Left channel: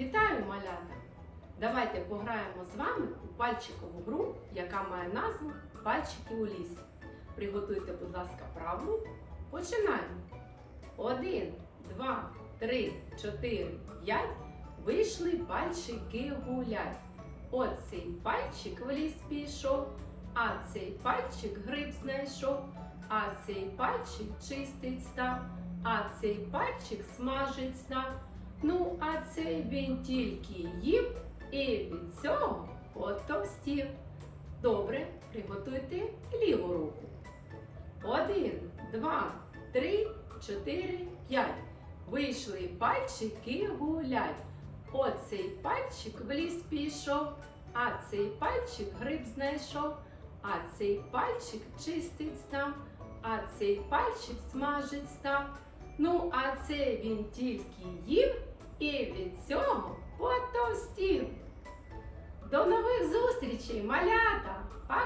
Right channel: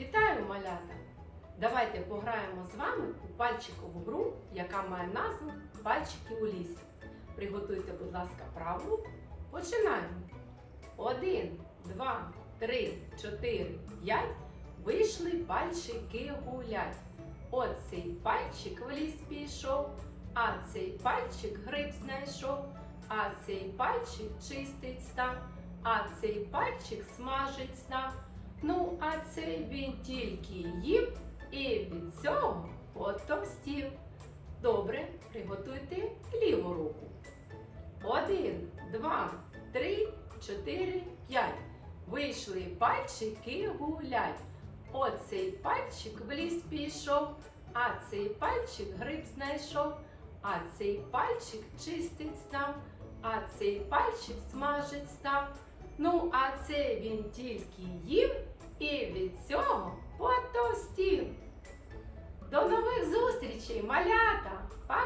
Вітаю, малята! Давайте пограємо з вами у пальчикову гру, яка має назву Пальчики у лісі. Приготуйте, будь ласка, праву. Починаємо. Один, два, три, чотири, п'ять. Вийшли пальчики гулять. От цей пальчик в ліс пішов, а цей пальчик гриб знайшов, а цей пальчик чистить став, а цей пальчик смажить став. Ну, а цей він тільки їв і від цього потовстів. Добре, приготуйте ліву руку. Один, два, три, чотири, п'ять. Вийшли пальчики гулять. Оцей пальчик в ліс пішов, а цей пальчик гриб знайшов, а цей пальчик чистить став, а цей пальчик смажить став. Ну, а це він тільки їв і від цього потовстів. До нових зустрічей, малята! Пока!